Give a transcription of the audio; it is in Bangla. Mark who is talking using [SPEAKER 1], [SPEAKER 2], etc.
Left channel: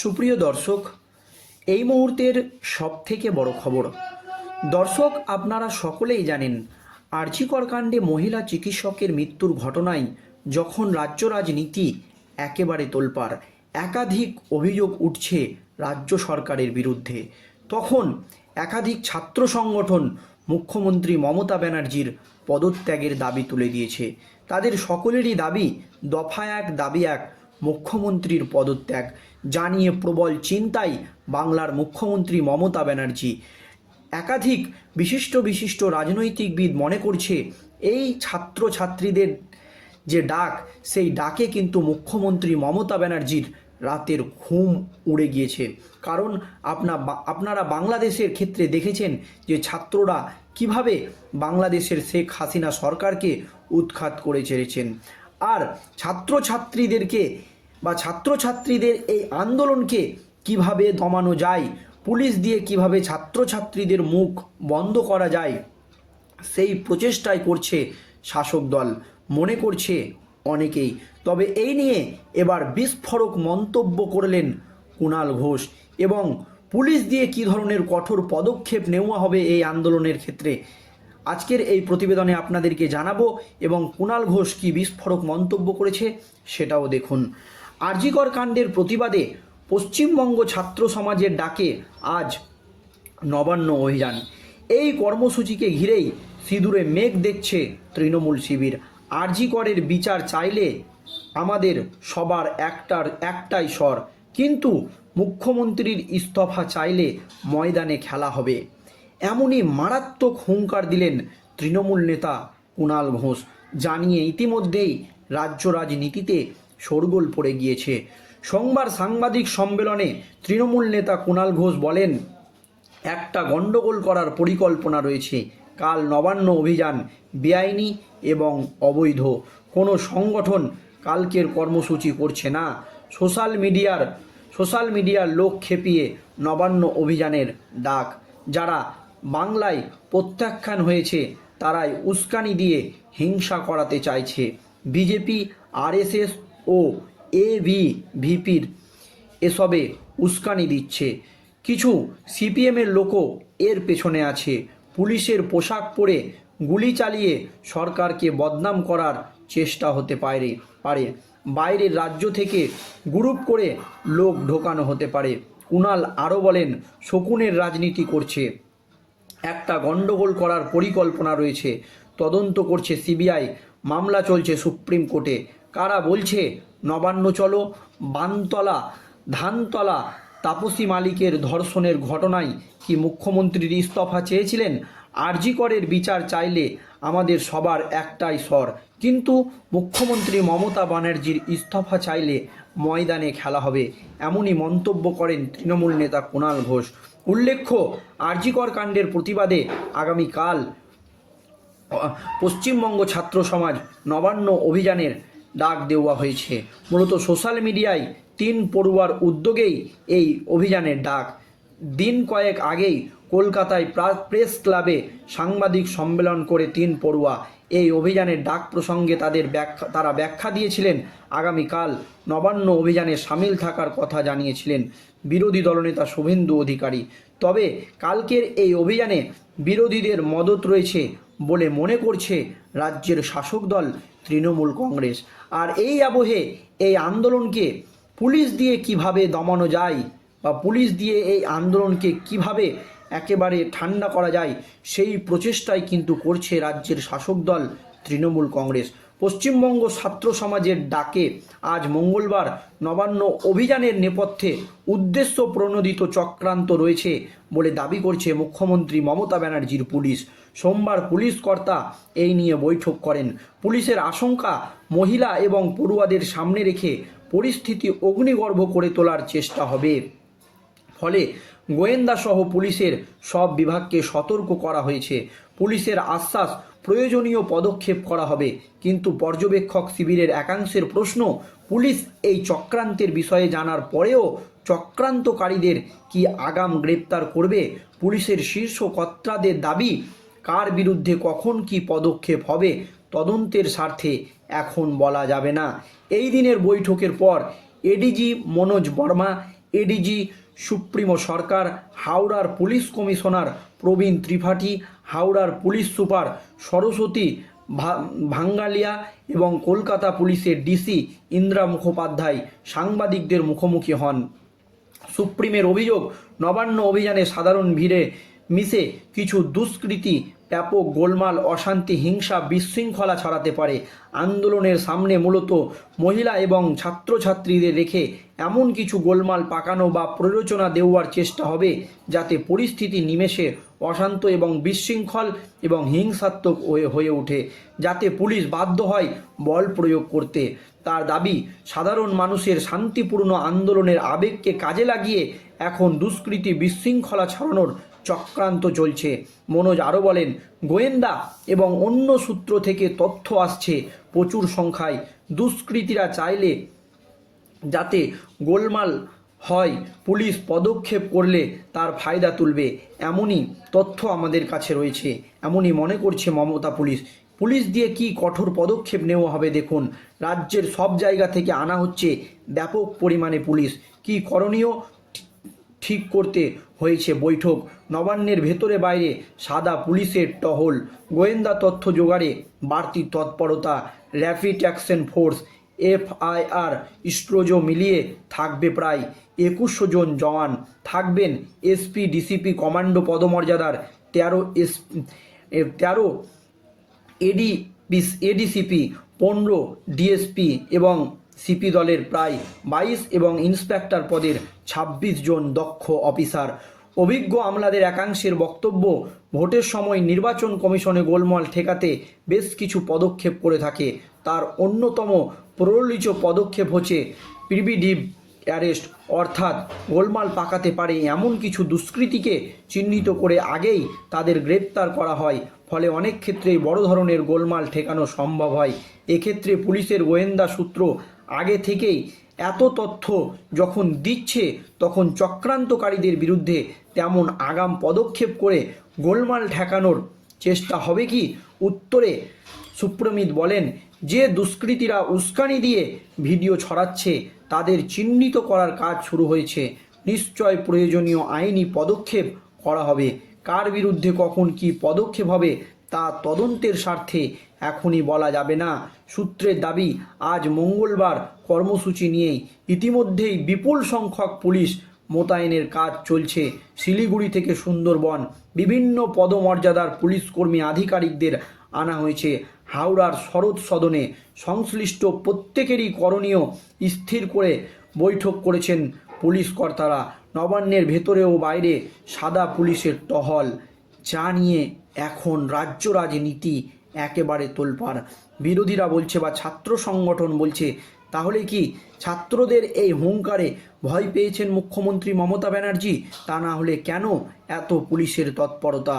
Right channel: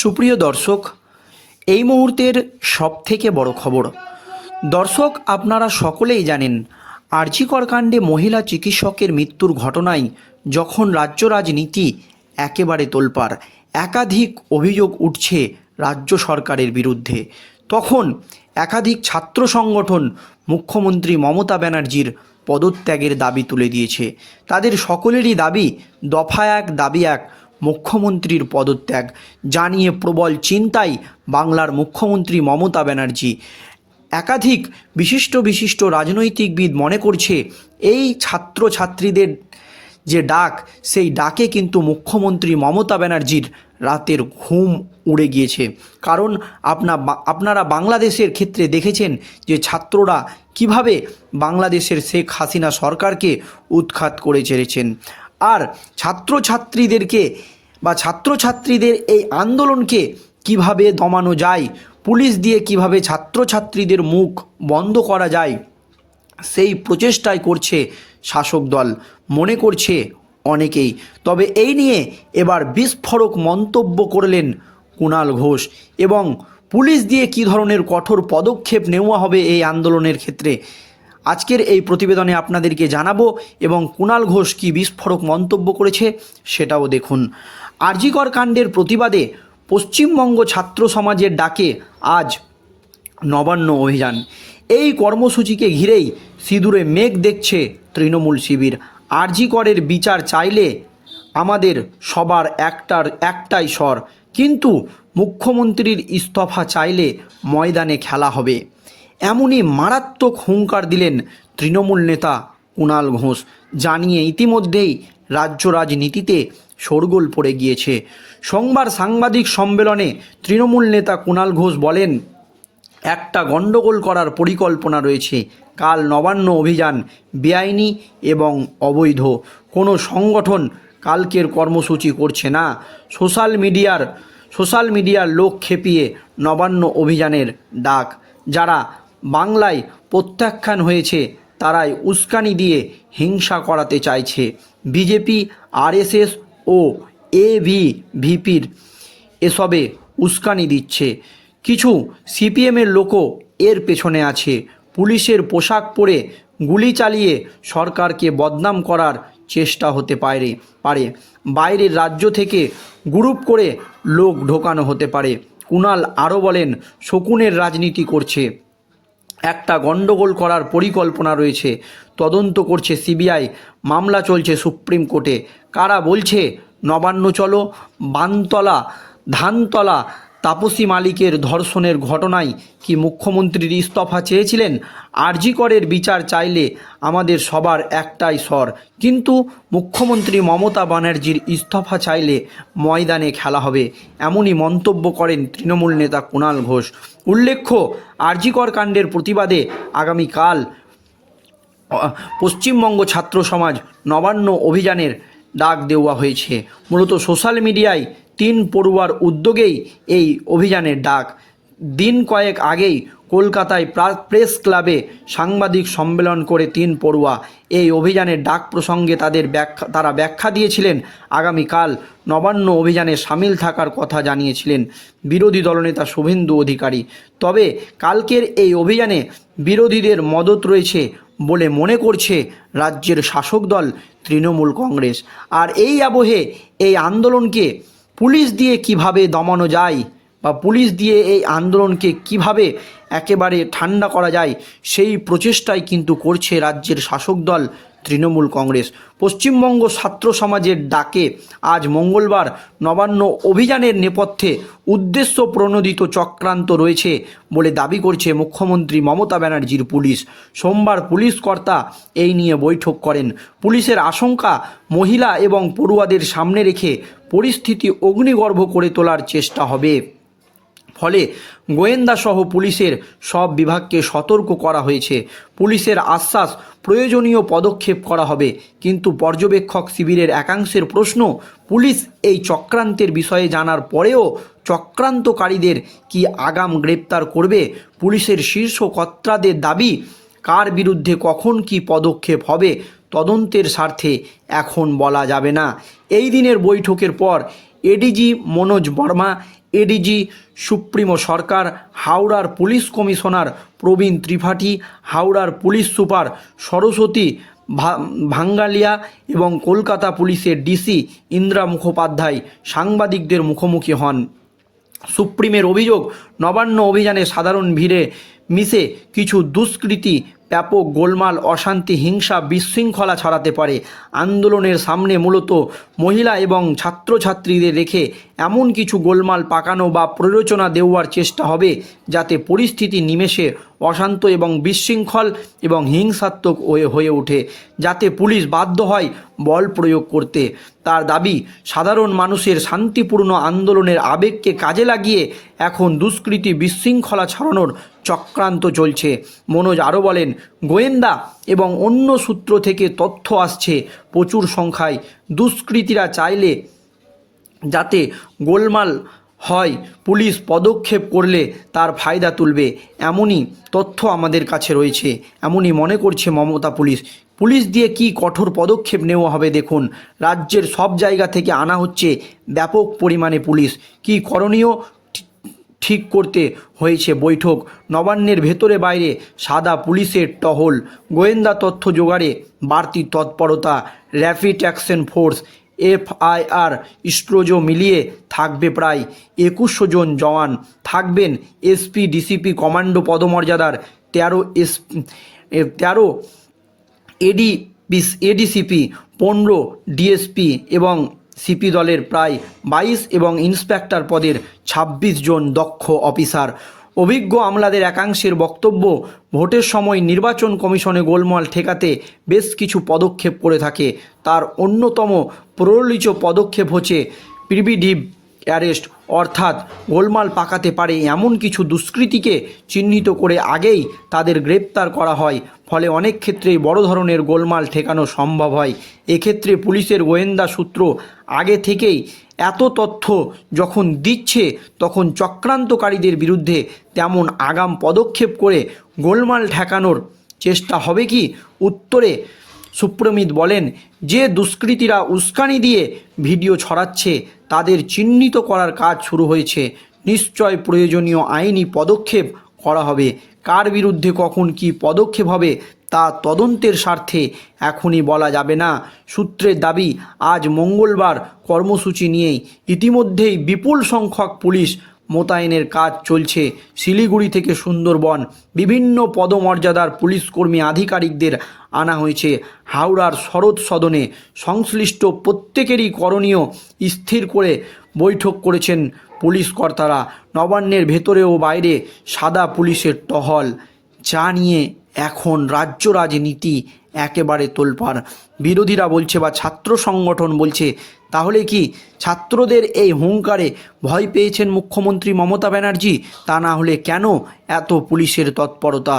[SPEAKER 1] সুপ্রিয় দর্শক, এই মুহূর্তের সবথেকে বড় খবর। দর্শক, আপনারা সকলেই জানেন আর্জিকর কাণ্ডে মহিলা চিকিৎসকের মৃত্যুর ঘটনায় যখন রাজ্য রাজনীতি একেবারে তোলপাড়, একাধিক অভিযোগ উঠছে রাজ্য সরকারের বিরুদ্ধে। তখন একাধিক ছাত্র সংগঠন মুখ্যমন্ত্রী মমতা ব্যানার্জির পদত্যাগের দাবি তুলে দিয়েছে। তাদের সকলেরই দাবি, দফা এক, দাবি এক মুখ্যমন্ত্রীর পদত্যাগ। জানিয়ে প্রবল চিন্তায় বাংলার মুখ্যমন্ত্রী মমতা ব্যানার্জি। একাধিক বিশিষ্ট বিশিষ্ট রাজনৈতিকবিদ মনে করছে, এই ছাত্রছাত্রীদের যে ডাক, সেই ডাকে কিন্তু মুখ্যমন্ত্রী মমতা ব্যানার্জির রাতের ঘুম উড়ে গিয়েছে। কারণ আপনা আপনারা বাংলাদেশের ক্ষেত্রে দেখেছেন যে ছাত্ররা কীভাবে বাংলাদেশের শেখ হাসিনা সরকারকে উৎখাত করে ছেড়েছেন আর ছাত্রছাত্রীদেরকে বা ছাত্রছাত্রীদের এই আন্দোলনকে কীভাবে দমানো যায়, পুলিশ দিয়ে কীভাবে ছাত্রছাত্রীদের মুখ বন্ধ করা যায়, সেই প্রচেষ্টাই করছে শাসক দল। মনে করছে অনেকেই। তবে এই নিয়ে এবার বিস্ফোরক মন্তব্য করলেন কুণাল ঘোষ এবং পুলিশ দিয়ে কী ধরনের কঠোর পদক্ষেপ নেওয়া হবে এই আন্দোলনের ক্ষেত্রে আজকের এই প্রতিবেদনে আপনাদেরকে জানাব এবং কুণাল ঘোষ কি বিস্ফোরক মন্তব্য করেছে সেটাও দেখুন। আরজিকর কাণ্ডের প্রতিবাদে পশ্চিমবঙ্গ ছাত্র সমাজের ডাকে আজ নবান্ন অভিযান। এই কর্মসূচিকে ঘিরেই সিঁদুরে মেঘ দেখছে তৃণমূল শিবির। আরজি করের বিচার চাইলে আমাদের সবার একটার একটাই স্বর। কিন্তু মুখ্যমন্ত্রীর ইস্তফা চাইলে ময়দানে খেলা হবে। এমনই মারাত্মক হুঙ্কার দিলেন তৃণমূল নেতা কুণাল ঘোষ, জানিয়ে ইতিমধ্যেই রাজ্য রাজনীতিতে শোরগোল পড়ে গিয়েছে। সোমবার সাংবাদিক সম্মেলনে তৃণমূল নেতা কুণাল ঘোষ বলেন, একটা গণ্ডগোল করার পরিকল্পনা রয়েছে। কাল নবান্ন অভিযান বেআইনি এবং অবৈধ। কোনো সংগঠন কালকের কর্মসূচি করছে না। সোশ্যাল মিডিয়ার সোশ্যাল মিডিয়ার লোক খেপিয়ে নবান্ন অভিযানের ডাক। যারা বাংলায় প্রত্যাখ্যান হয়েছে, তারাই উস্কানি দিয়ে হিংসা করাতে চাইছে। বিজেপি, আরএসএস ও এভি ভিপির এসবে উস্কানি দিচ্ছে। কিছু সিপিএমের লোকও এর পেছনে আছে। পুলিশের পোশাক পরে গুলি চালিয়ে সরকারকে বদনাম করার চেষ্টা হতে পারে পারে। বাইরের রাজ্য থেকে গ্রুপ করে লোক ঢোকানো হতে পারে। কুণাল আরও বলেন, শকুনের রাজনীতি করছে। একটা গণ্ডগোল করার পরিকল্পনা রয়েছে। তদন্ত করছে সিবিআই। মামলা চলছে সুপ্রিম কোর্টে। কারা বলছে? নবান্ন চলো, বানতলা, ধানতলা, তাপসী মালিকের ধর্ষণের ঘটনায় কি মুখ্যমন্ত্রীর ইস্তফা চেয়েছিলেন? আরজিকরের বিচার চাইলে আমাদের সবার একটাই স্বর। কিন্তু মুখ্যমন্ত্রী মমতা ব্যানার্জির ইস্তফা চাইলে ময়দানে খেলা হবে। এমনই মন্তব্য করেন তৃণমূল নেতা কুণাল ঘোষ। উল্লেখ্য আরজিকর কাণ্ডের প্রতিবাদে আগামীকাল পশ্চিমবঙ্গ ছাত্র সমাজ নবান্ন অভিযানের ডাক দেওয়া হয়েছে। মূলত সোশ্যাল মিডিয়ায় তিন পড়ুয়ার উদ্যোগেই এই অভিযানের ডাক। দিন কয়েক আগেই কলকাতায় প্রা- প্রেস ক্লাবে সাংবাদিক সম্মেলন করে তিন পড়ুয়া। এই অভিযানের ডাক প্রসঙ্গে তাদের ব্যাখ্যা, তারা ব্যাখ্যা দিয়েছিলেন, আগামীকাল নবান্ন অভিযানে সামিল থাকার কথা জানিয়েছিলেন বিরোধী দলনেতা শুভেন্দু অধিকারী। তবে কালকের এই অভিযানে বিরোধীদের মদত রয়েছে বলে মনে করছে রাজ্যের শাসক দল তৃণমূল কংগ্রেস। আর এই আবহে এই আন্দোলনকে পুলিশ দিয়ে কীভাবে দমানো যায় বা পুলিশ দিয়ে এই আন্দোলনকে কীভাবে একেবারে ঠান্ডা করা যায়, সেই প্রচেষ্টাই কিন্তু করছে রাজ্যের শাসক দল তৃণমূল কংগ্রেস। পশ্চিমবঙ্গ ছাত্র সমাজের ডাকে আজ মঙ্গলবার নবান্ন অভিযানের নেপথ্যে উদ্দেশ্য প্রণোদিত চক্রান্ত রয়েছে বলে দাবি করছে মুখ্যমন্ত্রী মমতা ব্যানার্জির পুলিশ। সোমবার পুলিশ কর্তা এই নিয়ে বৈঠক করেন। পুলিশের আশঙ্কা মহিলা এবং পড়ুয়াদের সামনে রেখে পরিস্থিতি অগ্নিগর্ভ করে তোলার চেষ্টা হবে। ফলে গোয়েন্দা সহ পুলিশের সব বিভাগকে সতর্ক করা হয়েছে। পুলিশের আশ্বাস, প্রয়োজনীয় পদক্ষেপ করা হবে। কিন্তু পর্যবেক্ষক শিবিরের একাংশের প্রশ্ন, পুলিশ এই চক্রান্তের বিষয়ে জানার পরেও চক্রান্তকারীদের কি আগাম গ্রেপ্তার করবে? পুলিশের শীর্ষ কর্তাদের দাবি, কার বিরুদ্ধে কখন কি পদক্ষেপ হবে? তদন্তের স্বার্থে এখন বলা যাবে না। এই দিনের বৈঠকের পর ADG Manoj Verma ADG supremo Sarkar, হাওড়ার পুলিশ কমিশনার প্রবীণ ত্রিপাঠী, হাওড়ার পুলিশ সুপার সরস্বতী ভাঙ্গালিয়া এবং কলকাতা পুলিশের ডিসি ইন্দ্রা মুখোপাধ্যায় সাংবাদিকদের মুখোমুখি হন। সুপ্রিমের অভিযোগ, নবান্ন অভিযানে সাধারণ ভিড়ে মিশে কিছু দুষ্কৃতী ব্যাপক গোলমাল, অশান্তি, হিংসা, বিশৃঙ্খলা ছড়াতে পারে। আন্দোলনের সামনে মূলত মহিলা এবং ছাত্রছাত্রীদের রেখে এমন কিছু গোলমাল পাকানো বা প্ররোচনা দেওয়ার চেষ্টা হবে যাতে পরিস্থিতি নিমেষে অশান্ত এবং বিশৃঙ্খল এবং হিংসাত্মক হয়ে ওঠে, যাতে পুলিশ বাধ্য হয় বল প্রয়োগ করতে। তার দাবি, সাধারণ মানুষের শান্তিপূর্ণ আন্দোলনের আবেগকে কাজে লাগিয়ে এখন দুষ্কৃতী বিশৃঙ্খলা ছড়ানোর চক্রান্ত চলছে। মনোজ আরও বলেন, গোয়েন্দা এবং অন্য সূত্র থেকে তথ্য আসছে, প্রচুর সংখ্যায়। দুষ্কৃতীরা চাইলে যাতে গোলমাল হয়, পুলিশ পদক্ষেপ করলে তার ফায়দা তুলবে। এমনই তথ্য আমাদের কাছে রয়েছে। এমনই মনে করছে মমতা পুলিশ। পুলিশ দিয়ে কি কঠোর পদক্ষেপ নেওয়া হবে দেখুন। রাজ্যের সব জায়গা থেকে আনা হচ্ছে ব্যাপক পরিমাণে পুলিশ। কি করণীয়? ঠিক করতে হয়েছে বৈঠক। নবান্নের ভেতরে বাইরে সাদা পুলিশের টহল। গোয়েন্দা তথ্য জোগাড়ে বাড়তি তৎপরতা। র্যাপিড অ্যাকশন ফোর্স, এফআইআর স্ট্রোজো মিলিয়ে থাকবে প্রায় একুশশো জন জওয়ান। থাকবেন এসপি, ডিসিপি, কমান্ডো পদমর্যাদার তেরো এস তেরো এডি এডিসিপি, পনেরো ডিএসপি এবং সিপি দলের প্রায় বাইশ এবং ইন্সপেক্টর পদের ২৬ জন দক্ষ অফিসার। অভিজ্ঞ আমলাদের একাংশের বক্তব্য, ভোটের সময় নির্বাচন কমিশনে গোলমাল ঠেকাতে বেশ কিছু পদক্ষেপ করে থাকে। তার অন্যতম প্রলিত পদক্ষেপ হচ্ছে প্রিভিডিভ অ্যারেস্ট, অর্থাৎ গোলমাল পাকাতে পারে এমন কিছু দুষ্কৃতীকে চিহ্নিত করে আগেই তাদের গ্রেপ্তার করা হয়। ফলে অনেক ক্ষেত্রেই বড় ধরনের গোলমাল ঠেকানো সম্ভব হয়। এক্ষেত্রে পুলিশের গোয়েন্দা সূত্র আগে থেকেই এত তথ্য যখন দিচ্ছে, তখন চক্রান্তকারীদের বিরুদ্ধে তেমন আগাম পদক্ষেপ করে গোলমাল ঠেকানোর চেষ্টা হবে কি? উত্তরে সুপ্রমিত বলেন, যে দুষ্কৃতীরা উস্কানি দিয়ে ভিডিও ছড়াচ্ছে, তাদের চিহ্নিত করার কাজ শুরু হয়েছে। নিশ্চয় প্রয়োজনীয় আইনি পদক্ষেপ করা হবে। কার বিরুদ্ধে কখন কি পদক্ষেপ হবে, তা তদন্তের স্বার্থে এখনই বলা যাবে না। সূত্রের দাবি, আজ মঙ্গলবার কর্মসূচি নিয়েই ইতিমধ্যেই বিপুল সংখ্যক পুলিশ মোতায়েনের কাজ চলছে। শিলিগুড়ি থেকে সুন্দরবন, বিভিন্ন পদমর্যাদার পুলিশকর্মী আধিকারিকদের আনা হয়েছে। হাওড়ার শরৎ সদনে সংশ্লিষ্ট প্রত্যেকেরই করণীয় স্থির করে বৈঠক করেছেন পুলিশ কর্তারা নবান্নের ভেতরে ও বাইরে সাদা পুলিশের টহল যা নিয়ে এখন রাজ্য রাজনীতি একেবারে তোলপাড়। বিরোধীরা বলছে বা ছাত্র সংগঠন বলছে, তাহলে কি ছাত্রদের এই হুঙ্কারে ভয় পেয়েছেন মুখ্যমন্ত্রী মমতা ব্যানার্জি? তা না হলে কেন এত পুলিশের তৎপরতা?